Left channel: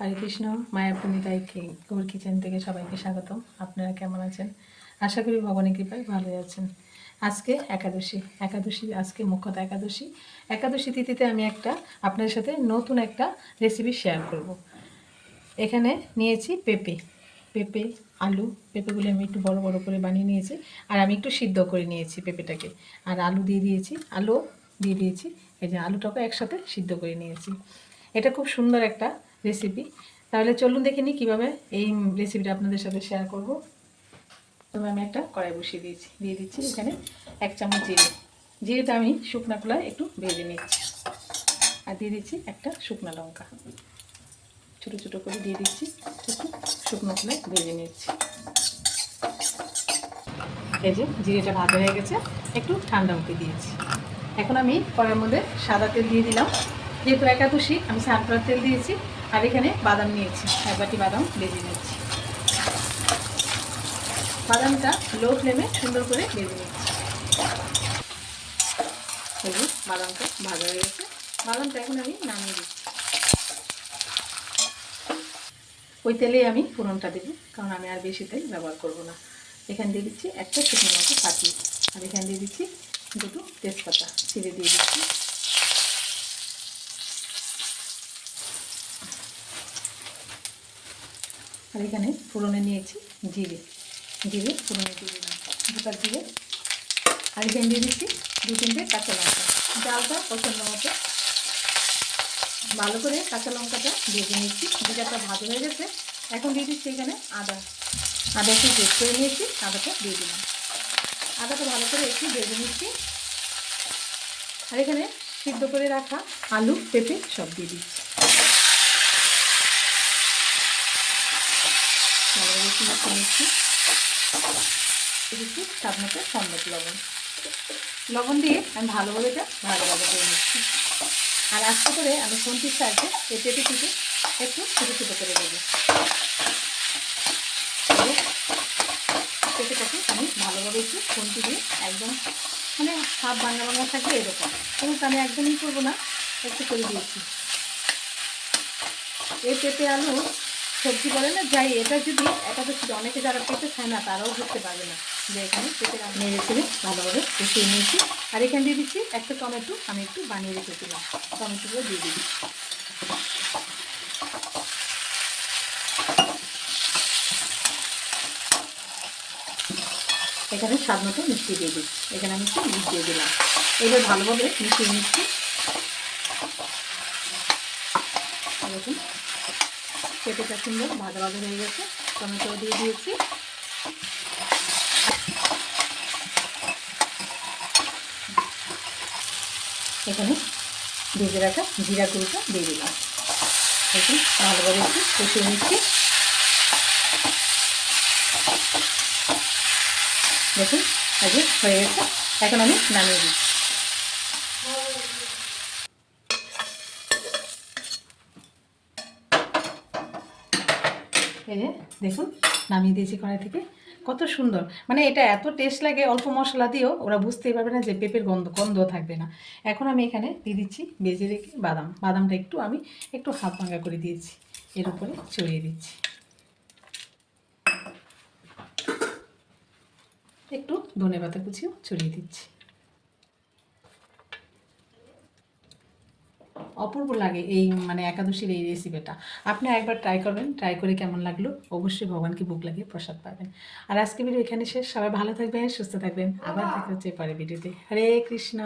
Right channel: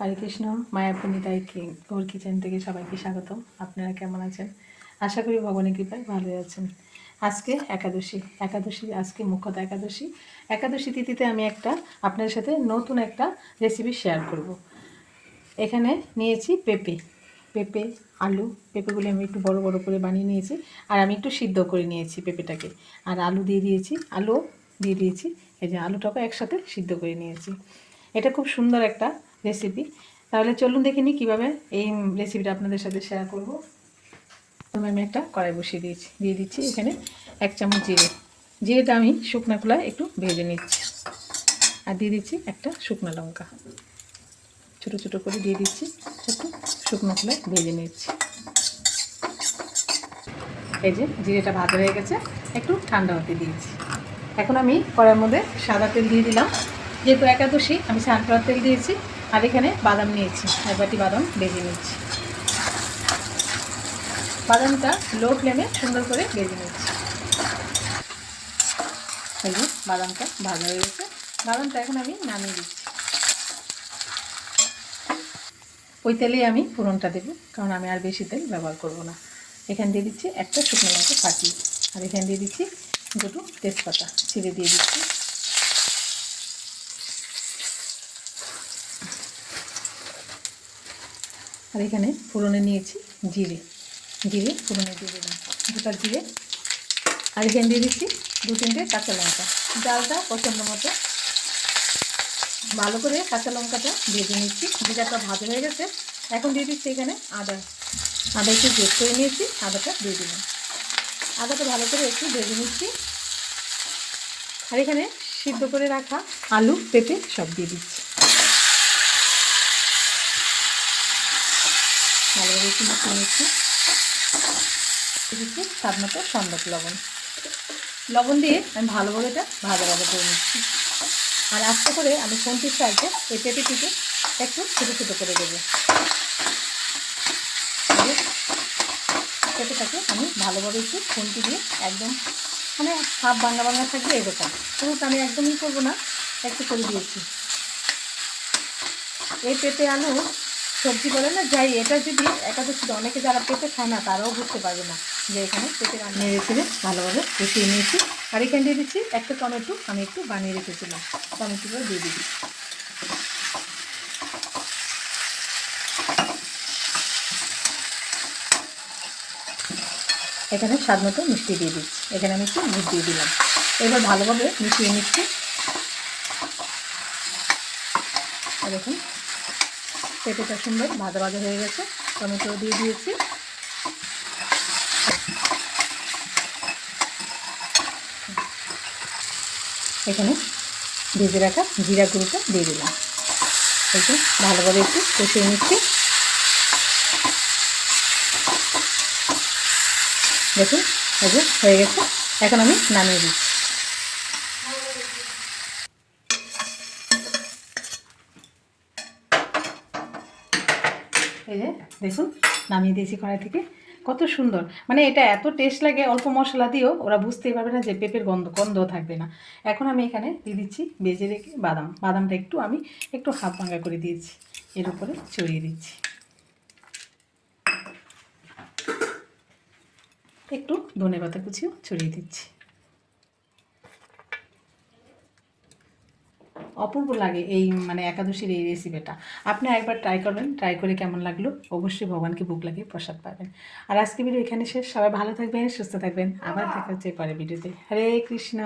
হরে কৃষ্ণ মায়াপুনিতাই গৌর কিচেন থেকে সবাইকে স্বাগতম। আপনারা কেমন আছেন? আশা করি ভগবানের কৃপায় ভালো আছেন। আজকে একাদশী একাদশী আজকে মুখ্যত একাদশী। একাদশী তিথিতে আমি একটা আপনাদের সাথে নতুন একটা রেসিপি শেয়ার করব। এখানে নিয়েছি পেঁপে পেঁপে, আলু, পেঁপেগুলো আমি একটু বড় বড় করে বানিয়ে নিয়েছি, আর আমি একটু সিদ্ধ করে নিয়েছি পেঁপেটাকে। আর আলু দিয়ে দিয়েছি আলু দিয়ে দিয়েছি, এই যে আলুটাকে একসাথে সিদ্ধ করে নিয়েছি। এটা খুব সুন্দর একটা রেসিপি তাহলে চলুন দেখে নিই কীভাবে এই রেসিপিটা আপনাদের সাথে শেয়ার করব। তবে আমি একটা কড়াই বসিয়ে দিয়েছি, দিয়ে দিচ্ছি এখানে এক চামচ জিরে। জিরেটা আমি শুকনো খোলায় একটু ভেজে নিচ্ছি। আর দিয়ে দিচ্ছি একটা শুকনো লঙ্কা। ছোটো ছোটো করে দিয়ে দিচ্ছি, একটু শুকনো খোলায় ভেজে নিচ্ছি। এই যে জিরেটা ভাজা হয়ে গেছে, একটু ঠান্ডা হতে দিয়েছি। এখন আমি কড়াইয়ের মধ্যে সাদা তেল দিয়ে দিলাম। যেহেতু একাদশী, আমি সানফ্লাওয়ার তেল দিয়েছি। আর এখানে বাদাম নিয়েছি, এক বাটি বাদাম ভেজে নিচ্ছি বাদামটা লো ফ্লেমে সুন্দর করে ভেজে নিচ্ছি বাদামটা ভাজা হয়ে গেছে। বাদামটা এখন আমি নামিয়ে দিচ্ছি। ওই তেলেই আমি ফোড়নটা দেবো, কারণ আমি আর বেশি তেল ব্যবহার করব না। এখান দিয়ে দিচ্ছি একটা শুকনো লঙ্কা ফাটিয়ে আর এখান দিয়ে দিচ্ছি দুটো তেজপাতা। ছিঁড়ে দিয়ে দিচ্ছি। আর এখানে ফোড়নে নিয়েছি জিরে। জিরে, ফোড়নে দিয়ে দিলাম দুটা জিরে। আর এখানে দিয়ে দিচ্ছি দু তিনটে কাঁচা লঙ্কা। ডালটা পছন্দ মতো। ভালো করে কাঁচা লঙ্কাটা ভেজে নিচ্ছি। জিরাটা ভাজা হয়ে গেছে, এখন দিয়ে দিচ্ছি এখানে আদা। আদা একটু বেশ করে নিয়েছি, আদাটা দিয়ে দিলাম। আদাটা ভালো করে একটু ভেজে নিচ্ছি। আর এখানে সিদ্ধ করে রাখা আলু, পেঁপে সব দিয়ে দিচ্ছি। ভালোভাবে মিশিয়ে নিচ্ছি। দিচ্ছি স্বাদ মতো লবণ। লবণ দিয়ে আমি ভালোভাবে এটা ভাজা করে নিচ্ছি। আর আস্তে করে আমি ফোনটির সাহায্যে এই পেঁপেটিকে একটু ছোটো ছোটো করে দেবো। পেঁপেটাকে আমি ভালোভাবে একটু ফোনটি দিয়ে একদম মানে হাফ বাংলা বাংলা থাকবে এরকম। কিন্তু আমি একদমই করব না, একটু করে দিয়েছি। এই পেঁপে আলু সবজি বলে না, যাই, এটা যদি একাদশী অনেকে যারা পেঁপে খায় না, তারাও বুঝতে পারবে না যে এখানে আলু নেড়ে ছেড়ে ভালোভাবে কষিয়ে নিয়েছি। আর এখানে দিয়ে দিচ্ছি একটা টমেটো, আমি একটু বানিয়ে রেখেছিলাম। টমেটোগুলো দিয়ে দিচ্ছি। এখানে স্বাদ মতো মিষ্টি দিয়ে দিচ্ছি। এখানে আমি একটু দুধ দিয়ে দিলাম। এবার ভালোভাবে মিশিয়ে নিচ্ছি। দেখুন। পেঁপেটা সুন্দর ভাজা ভাজা হয়ে গেছে, টমেটো দিয়ে দিয়েছি। এখানে ভেজে রাখা জিরা গুঁড়োটা দিয়ে দিলাম। একটু ভালোভাবে একটু কষিয়ে নিচ্ছি। দেখুন হয়ে গেছে। এখন আমি নামিয়ে দিচ্ছি। এই যে দেখুন, নামিয়ে দিয়েছি কড়াই থেকে। কত সুন্দর। মানে এটা এত টেস্ট লাগে অল্প মশলা দিয়েও, ওরা বুঝতেই পারবে না যে পেঁপের গন্ধ গন্ধ থাকবে না। এখন আমি এখানে দিয়ে দিচ্ছি বেজে রেখে বাদাম। বাদামটা একটু আমি একটু হাফ ভাঙা করে দিয়েছি। এর উপরে ছড়িয়ে দিচ্ছি। একটু ধনে পাতা কুচিও ছড়িয়ে দিচ্ছি। অপূর্ব লাগে এই মানে একাদশীর এই রেসিপিটা আপনি একবার ট্রাই করবেন ট্রাই করে কেমন লাগল অবশ্যই ভগবানকে ভোগ লাগিয়ে প্রসাদ পাবেন। আর আজকে ভিডিও এখানে শেষ। সবাই ভালো থাকবেন সুস্থ থাকবেন। আবার দেখা হচ্ছে পরে ভিডিওতে হরে কৃষ্ণ।